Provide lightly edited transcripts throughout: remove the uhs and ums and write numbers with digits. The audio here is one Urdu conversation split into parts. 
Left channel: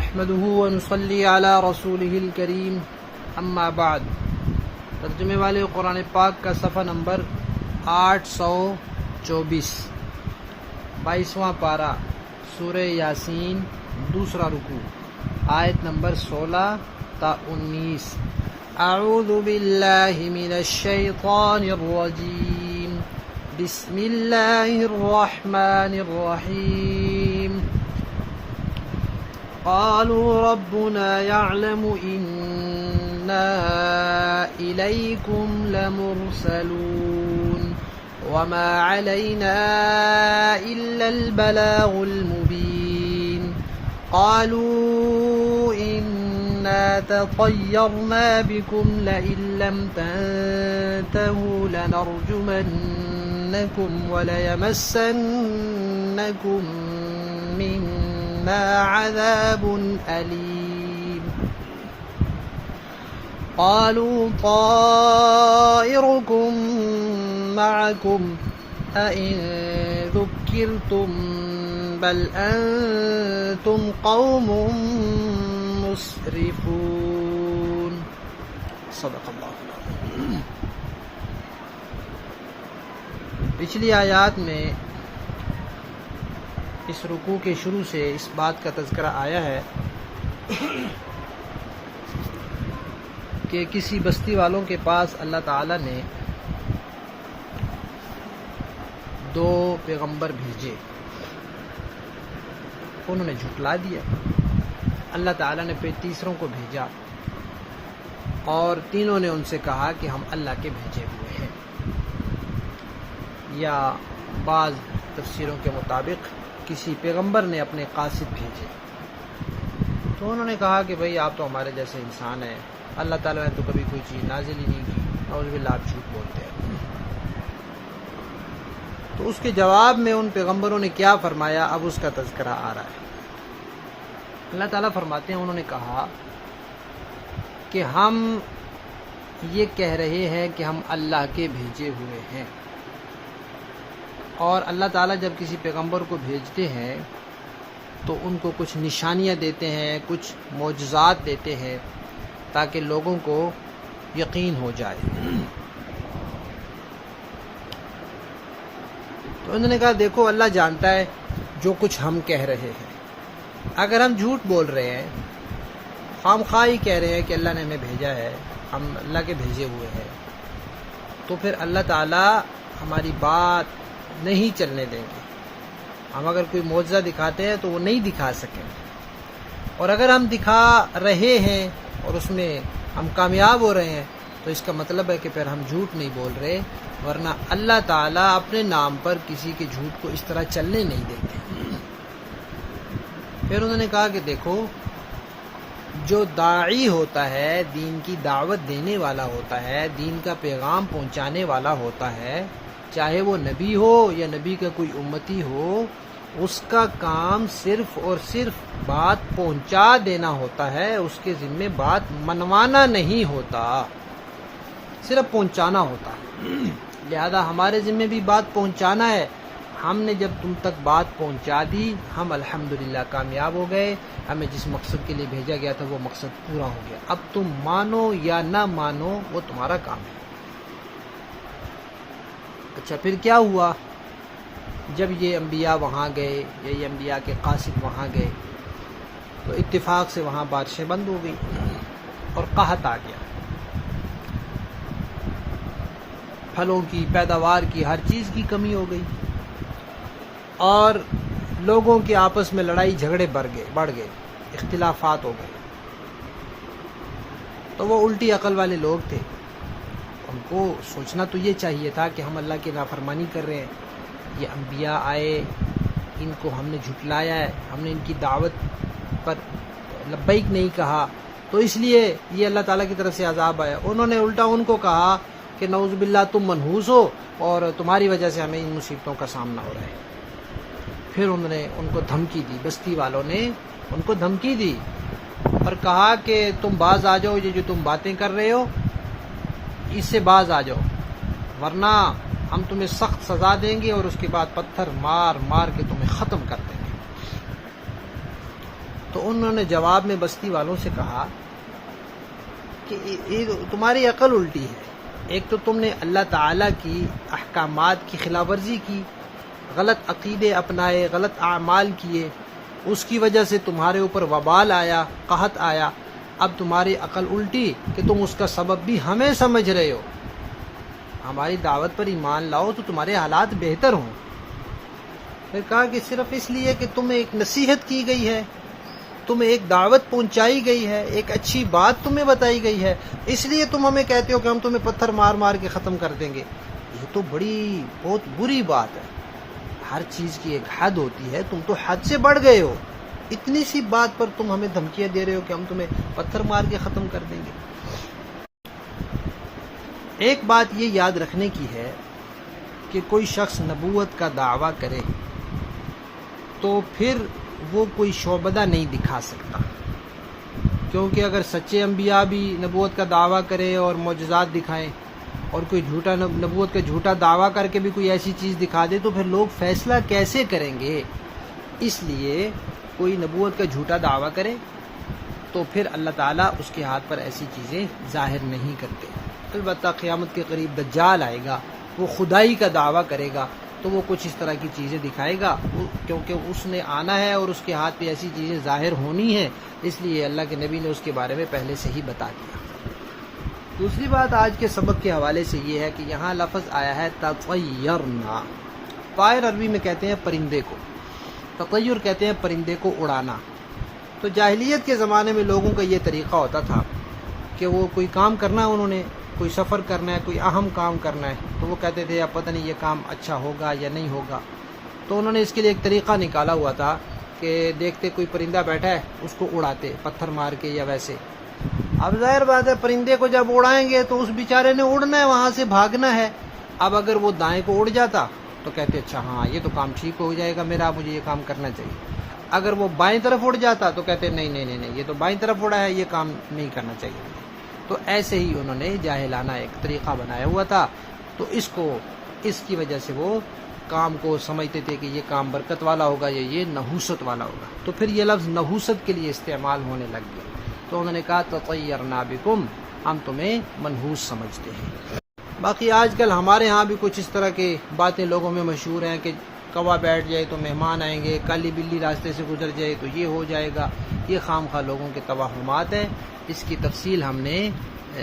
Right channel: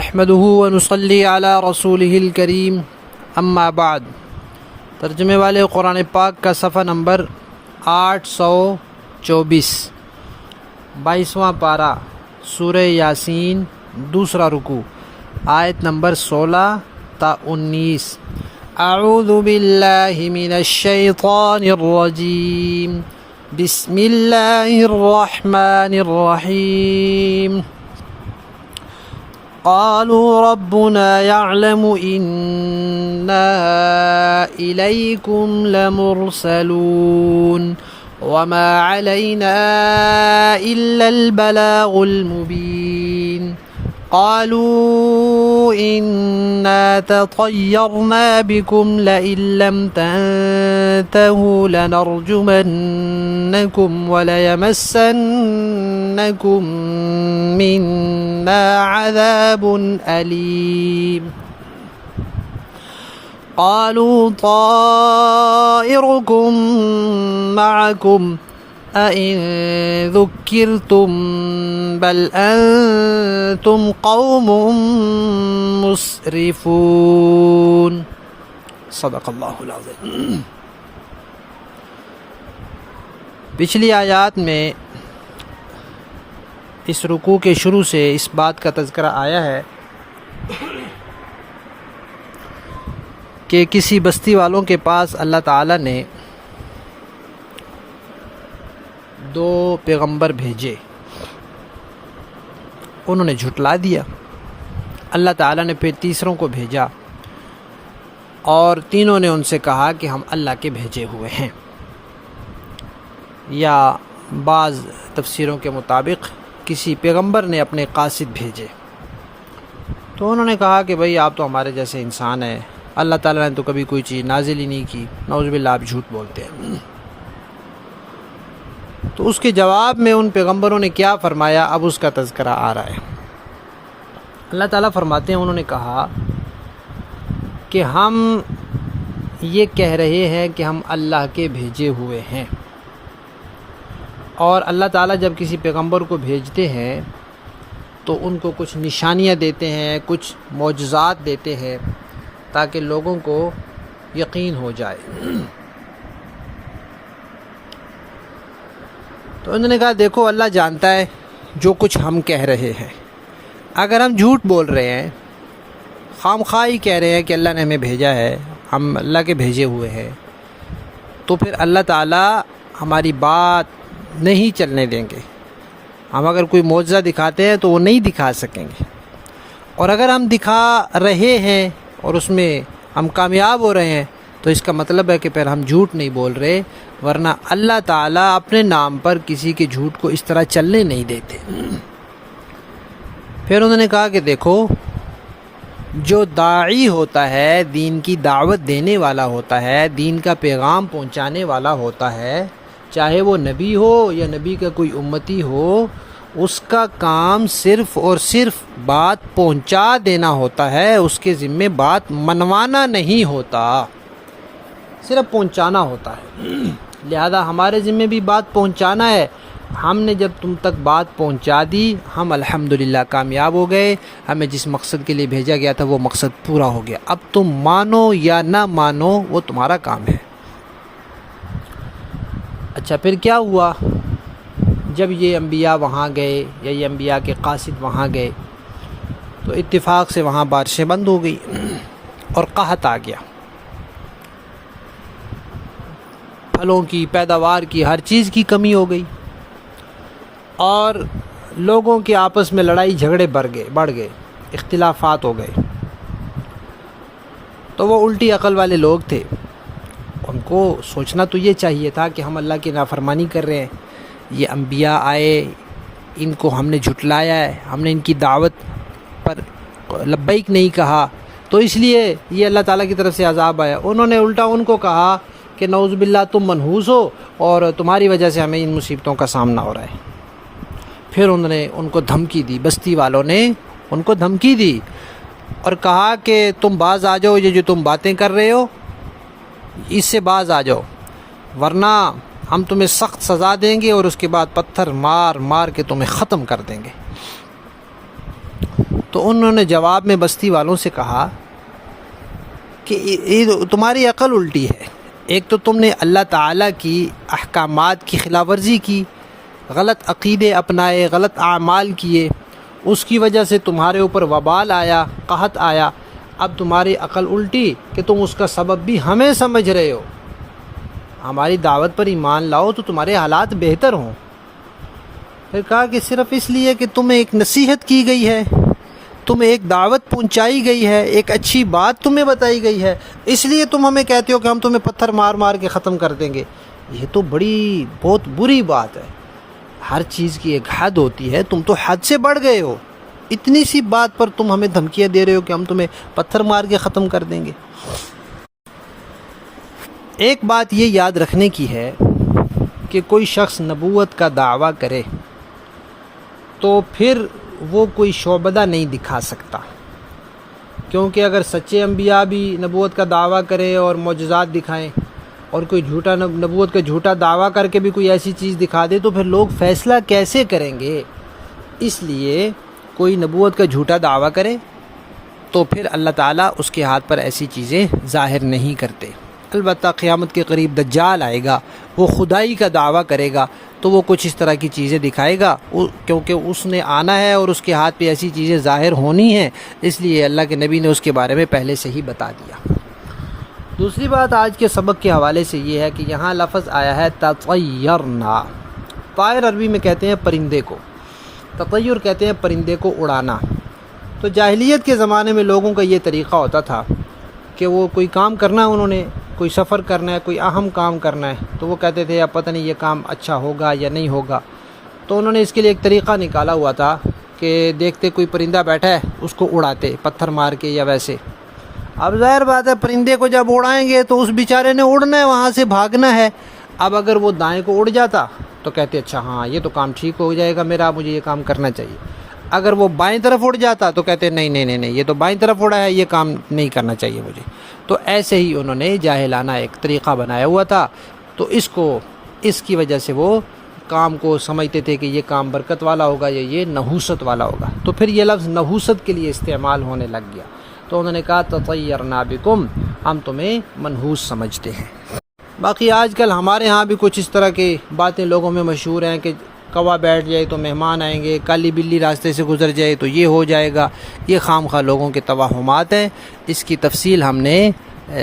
نحمده ونصلي على رسوله الكريم اما بعد۔ ترجمے والے قرآن پاک کا صفحہ نمبر 824، 22واں پارہ، سورہ یاسین، دوسرا رکوع، آیت نمبر 16 تا 19۔ اعوذ باللہ من الشیطان الرجیم، بسم اللہ الرحمن الرحیم۔ قالوا ربنا يعلم إنا إليكم لمرسلون وما علينا إلا البلاغ المبين۔ قالوا إنا تطيرنا بكم لئن لم تنتهوا لنرجمنكم وليمسنكم منا عذاب أليم۔ قالوا طائركم معكم أئن ذكرتم بل أنتم قوم مسرفون۔ صدق اللہ العظیم۔ پچھلی آیات میں اس رکوع کے شروع سے اس بات کا تذکرہ آیا ہے کہ کسی بستی والوں کے پاس اللہ تعالیٰ نے 2 پیغمبر بھیجے، انہوں نے جھٹلا دیا۔ اللہ تعالیٰ نے پھر تیسروں کو بھیجا اور تینوں نے ان سے کہا کہ ہم اللہ کے بھیجے ہوئے ہیں، یا بعض تفسیروں کے مطابق کسی پیغمبر نے اپنے قاصد بھیجے، تو انہوں نے کہا کہ بھئی آپ تو ہمارے جیسے انسان ہیں، اللہ تعالیٰ نے تو کبھی کوئی چیز نازل ہی نہیں کی، نعوذ باللہ آپ جھوٹ بولتے ہیں۔ تو اس کے جواب میں ان پیغمبروں نے کیا فرمایا، اب اس کا تذکرہ آ رہا ہے۔ اللہ تعالیٰ فرماتے ہیں انہوں نے کہا کہ ہم یہ کہہ رہے ہیں کہ ہم اللہ کے بھیجے ہوئے ہیں، اور اللہ تعالیٰ جب کسی پیغمبر کو بھیجتے ہیں تو ان کو کچھ نشانیاں دیتے ہیں، کچھ معجزات دیتے ہیں تاکہ لوگوں کو یقین ہو جائے۔ تو انہوں نے کہا دیکھو اللہ جانتا ہے جو کچھ ہم کہہ رہے ہیں، اگر ہم جھوٹ بول رہے ہیں، خام خواہ ہی کہہ رہے ہیں کہ اللہ نے ہمیں بھیجا ہے، ہم اللہ کے بھیجے ہوئے ہیں، تو پھر اللہ تعالیٰ ہماری بات نہیں چلنے دیں گے۔ ہم اگر کوئی معجزہ دکھاتے ہیں تو وہ نہیں دکھا سکیں گے، اور اگر ہم دکھا رہے ہیں اور اس میں ہم کامیاب ہو رہے ہیں تو اس کا مطلب ہے کہ پھر ہم جھوٹ نہیں بول رہے، ورنہ اللہ تعالیٰ اپنے نام پر کسی کے جھوٹ کو اس طرح چلنے نہیں دیتے۔ پھر انہوں نے کہا کہ دیکھو جو داعی ہوتا ہے، دین کی دعوت دینے والا ہوتا ہے، دین کا پیغام پہنچانے والا ہوتا ہے، چاہے وہ نبی ہو یا نبی کا کوئی امتی ہو، اس کا کام صرف اور صرف بات پہنچا دینا ہوتا ہے، اس کے ذمے بات منوانا نہیں ہوتا، صرف پہنچانا ہوتا ہے۔ لہذا ہمارے ذمے بھی بات پہنچانا ہے۔ ہم نے جب تم تک بات پہنچا دی، ہم الحمدللہ کامیاب ہو گئے، ہمیں جس مقصد کے لیے بھیجا گیا تھا وہ مقصد پورا ہو گیا۔ اب تم مانو یا نہ مانو وہ تمہارا کام ہے۔ اچھا پھر کیا ہوا؟ جب یہ انبیاء وہاں گئے یا یہ انبیاء کے قاصد وہاں گئے تو اتفاق سے وہاں بارشیں بند ہو گئی اور قحط آ گیا، پھلوں کی، پیداوار کی، ہر چیز کی کمی ہو گئی، اور لوگوں کے آپس میں لڑائی جھگڑے بڑھ گئے، اختلافات ہو گئے۔ تو وہ الٹی عقل والے لوگ تھے، ان کو سوچنا تو یہ چاہیے تھا کہ ہم اللہ کی نافرمانی کر رہے ہیں، یہ انبیاء آئے، ان کو ہم نے جھٹلایا ہے، ہم نے ان کی دعوت پر لبیک نہیں کہا، تو اس لیے یہ اللہ تعالیٰ کی طرف سے عذاب آیا۔ انہوں نے الٹا ان کو کہا کہ نعوذ باللہ تم منحوس ہو اور تمہاری وجہ سے ہمیں ان مصیبتوں کا سامنا ہو رہا ہے۔ پھر انہوں نے ان کو دھمکی دی، بستی والوں نے ان کو دھمکی دی اور کہا کہ تم باز آ جاؤ، یہ جو تم باتیں کر رہے ہو اس سے باز آ جاؤ، ورنہ ہم تمہیں سخت سزا دیں گے اور اس کے بعد پتھر مار مار کے تمہیں ختم کر دیں گے۔ تو انہوں نے جواب میں بستی والوں سے کہا کہ تمہاری عقل الٹی ہے، ایک تو تم نے اللہ تعالیٰ کی احکامات کی خلاف ورزی کی، غلط عقیدے اپنائے، غلط اعمال کیے، اس کی وجہ سے تمہارے اوپر وبال آیا، قحط آیا۔ اب تمہاری عقل الٹی کہ تم اس کا سبب بھی ہمیں سمجھ رہے ہو۔ ہماری دعوت پر ایمان لاؤ تو تمہارے حالات بہتر ہوں۔ پھر کہا کہ صرف اس لیے کہ تمہیں ایک نصیحت کی گئی ہے، تمہیں ایک دعوت پہنچائی گئی ہے، ایک اچھی بات تمہیں بتائی گئی ہے، اس لیے تم ہمیں کہتے ہو کہ ہم تمہیں پتھر مار مار کے ختم کر دیں گے۔ یہ تو بہت بری بات ہے۔ ہر چیز کی ایک حد ہوتی ہے، تم تو حد سے بڑھ گئے ہو۔ اتنی سی بات پر تم ہمیں دھمکیاں دے رہے ہو کہ ہم تمہیں پتھر مار کے ختم کر دیں گے۔ ایک بات یہ یاد رکھنے کی ہے کہ کوئی شخص نبوت کا دعویٰ کرے تو پھر وہ کوئی شعبدہ نہیں دکھا سکتا، کیونکہ اگر سچے انبیاء بھی نبوت کا دعویٰ کریں اور معجزات دکھائیں، اور کوئی جھوٹا نبوت کا جھوٹا دعویٰ کر کے بھی کوئی ایسی چیز دکھا دے تو پھر لوگ فیصلہ کیسے کریں گے؟ اس لیے کوئی نبوت کا جھوٹا دعویٰ کرے تو پھر اللہ تعالیٰ اس کے ہاتھ پر ایسی چیزیں ظاہر نہیں کرتے۔ البتہ قیامت کے قریب دجال آئے گا، وہ خدائی کا دعویٰ کرے گا تو وہ کچھ اس طرح کی چیزیں دکھائے گا، کیونکہ اس نے آنا ہے اور اس کے ہاتھ پہ ایسی چیزیں ظاہر ہونی ہیں، اس لیے اللہ کے نبی نے اس کے بارے میں پہلے سے ہی بتا دیا۔ دوسری بات آج کے سبق کے حوالے سے یہ ہے کہ یہاں لفظ آیا ہے تطیرنا۔ طائر عربی میں کہتے ہیں پرندے کو، تطیر کہتے ہیں پرندے کو اڑانا۔ تو جاہلیت کے زمانے میں لوگوں کا یہ طریقہ ہوتا تھا کہ وہ کوئی کام کرنا ہے، انہوں نے کوئی سفر کرنا ہے، کوئی اہم کام کرنا ہے، تو وہ کہتے تھے اب پتہ نہیں یہ کام اچھا ہوگا یا نہیں ہوگا، تو انہوں نے اس کے لیے ایک طریقہ نکالا ہوا تھا کہ دیکھتے کوئی پرندہ بیٹھا ہے اس کو اڑاتے پتھر مار کے یا ویسے۔ اب ظاہر بات ہے پرندے کو جب اڑائیں گے تو اس بیچارے نے اڑنا ہے، وہاں سے بھاگنا ہے۔ اب اگر وہ دائیں کو اڑ جاتا تو کہتے اچھا ہاں یہ تو کام ٹھیک ہو جائے گا میرا، مجھے یہ کام کرنا چاہیے۔ اگر وہ بائیں طرف اڑ جاتا تو کہتے نہیں نہیں نہیں نہیں یہ تو بائیں طرف اڑا ہے، یہ کام نہیں کرنا چاہیے مجھے۔ تو ایسے ہی انہوں نے جاہلانہ ایک طریقہ بنایا ہوا تھا، تو اس کی وجہ سے وہ کام کو سمجھتے تھے کہ یہ کام برکت والا ہوگا یا یہ نحوست والا ہوگا، تو پھر یہ لفظ نحوست کے لیے استعمال ہونے لگ گیا۔ تو انہوں نے کہا تطیرنا بکم، ہم تمہیں منحوس سمجھتے ہیں۔ باقی آج کل ہمارے ہاں بھی کچھ اس طرح کی باتیں لوگوں میں مشہور ہیں کہ کوا بیٹھ جائے تو مہمان آئیں گے، کالی بلی راستے سے گزر جائے تو یہ ہو جائے گا۔ یہ خام خواہ لوگوں کے توہمات ہیں۔ اس کی تفصیل ہم نے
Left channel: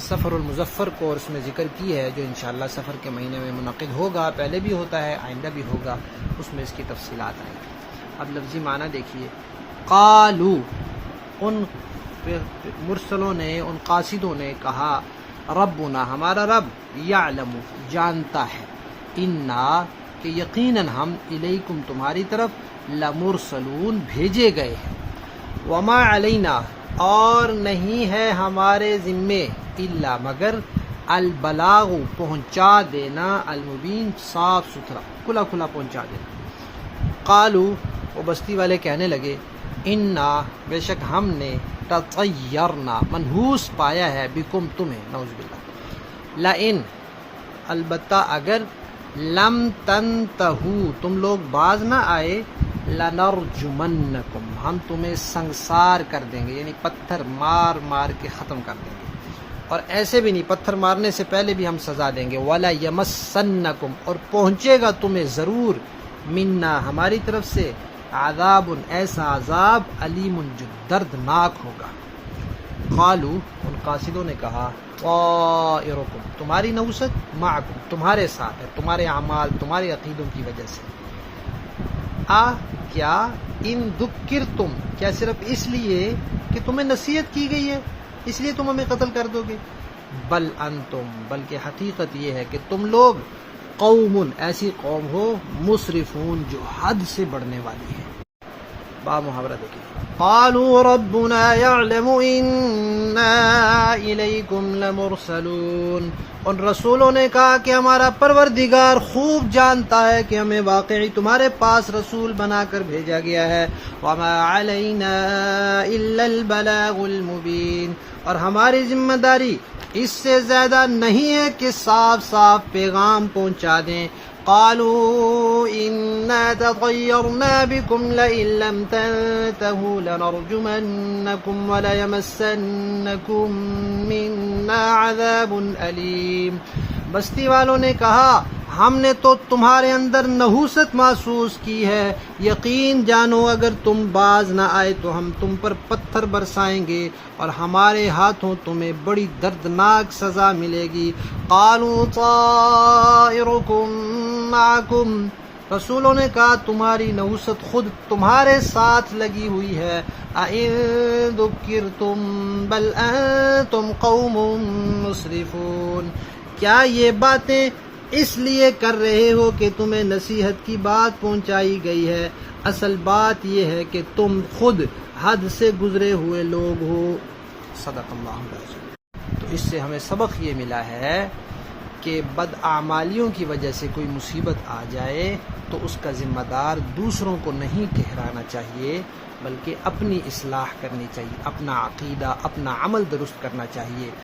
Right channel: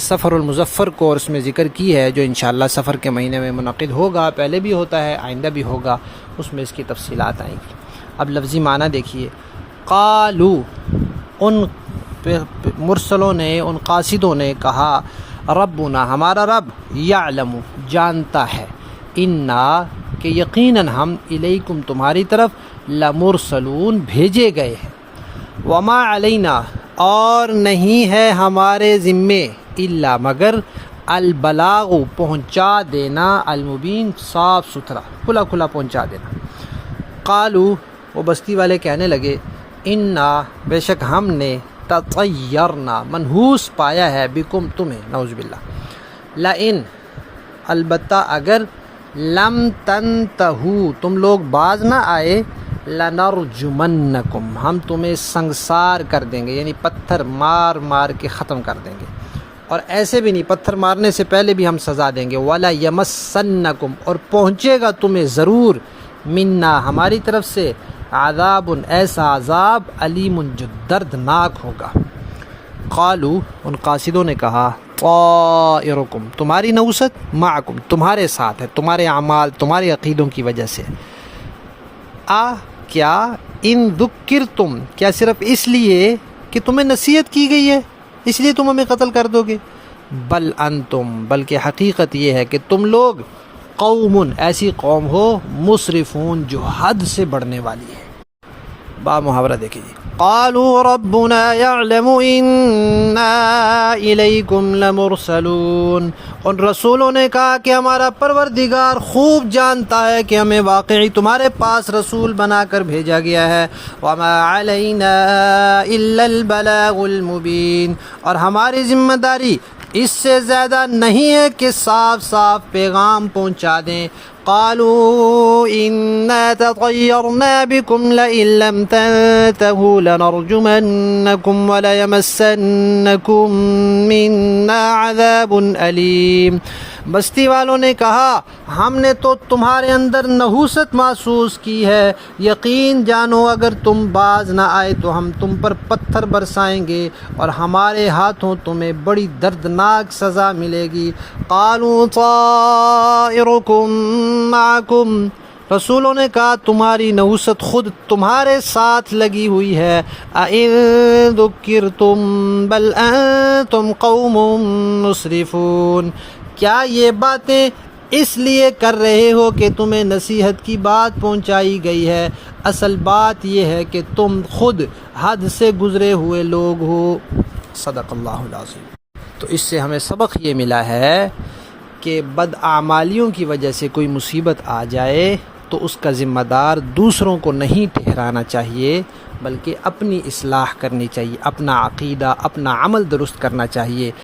سفر المظفر کورس میں ذکر کی ہے، جو انشاءاللہ سفر کے مہینے میں منعقد ہوگا، پہلے بھی ہوتا ہے آئندہ بھی ہوگا، اس میں اس کی تفصیلات آئیں گی۔ اب لفظی معنی دیکھیے، قالو، ان مرسلوں نے، ان قاصدوں نے کہا، ربنا، ہمارا رب، یعلم، جانتا ہے، انا، کہ یقیناً ہم، الیکم، تمہاری طرف، لمرسلون، بھیجے گئے ہیں، وما علینا، اور نہیں ہے ہمارے ذمے، الا، مگر، البلاغ، پہنچا دینا، المبین، صاف ستھرا، کھلا کھلا پہنچا دینا۔ قالو، وہ بستی والے کہنے لگے، انا، بے شک ہم نے، تطیرنا، منحوس پایا ہے، بکم، تمہیں، نعوذ باللہ، لئن، البتہ اگر، لم تنتہو، تم لوگ باز نہ آئے، لنرجمنکم، ہم تمہیں سنگسار کر دیں گے، یعنی پتھر مار مار کے ختم کر دیں گے۔ اور ایسے بھی نہیں، پتھر مارنے سے پہلے بھی ہم سزا دیں گے۔ ولا یمسنکم، اور پہنچے گا تمہیں ضرور، منا، ہماری طرف سے، عذاب، ایسا عذاب، علیم، جو دردناک ہوگا۔ قالو، ان قاصدوں نے کہا، طائرکم، تمہاری نحوست، معکم، تمہارے ساتھ ہے، تمہارے اعمال، تمہارے عقیدوں کی وجہ سے۔ کیا، ان ذکرتم، کیا صرف اس لیے کہ تمہیں نصیحت کی گئی ہے اس لیے تم ہمیں قتل کر دو گے؟ بل انتم، بلکہ حقیقت یہ ہے کہ تم لوگ، قوم، ایسی قوم ہو، مسرفون، جو حد سے بڑھنے والی ہے۔ با محاورہ دیکھیں جی، قالوا ربنا يعلم انا الیکم لمرسلون، ان رسولوں نے کہا کہ ہمارا پروردگار خوب جانتا ہے کہ ہمیں واقعی تمہارے پاس رسول بنا کر بھیجا گیا ہے، وما علینا الا البلاغ المبین، اور ہماری ذمہ داری اس سے زیادہ نہیں ہے کہ صاف صاف پیغام پہنچا دیں۔ قالوا إنا تطيرنا بكم لئن لم تنتهوا لنرجمنكم وليمسنكم منا عذاب أليم۔ بستی والوں نے کہا ہم نے تو تمہارے اندر نحوست محسوس کی ہے، یقین جانو اگر تم باز نہ آئے تو ہم تم پر پتھر برسائیں گے اور ہمارے ہاتھوں تمہیں بڑی دردناک سزا ملے گی۔ قالوا طائرکم معکم، رسولوں نے کہا تمہاری نحوست خود تمہارے ساتھ لگی ہوئی ہے۔ اَإِن ذُكِّرْتُم بَلْ أَنتُمْ قَوْمٌ مُسْرِفُونَ، کیا یہ باتیں اس لیے کر رہے ہو کہ تمہیں نصیحت کی بات پہنچائی گئی ہے؟ اصل بات یہ ہے کہ تم خود حد سے گزرے ہوئے لوگ ہو۔ صدق اللہ العظیم۔ تو اس سے ہمیں سبق یہ ملا ہے کہ بدعمالیوں کی وجہ سے کوئی مصیبت آ جائے تو اس کا ذمہ دار دوسروں کو نہیں ٹھہرانا چاہیے، بلکہ اپنی اصلاح کرنی چاہیے، اپنا عقیدہ، اپنا عمل درست کرنا چاہیے۔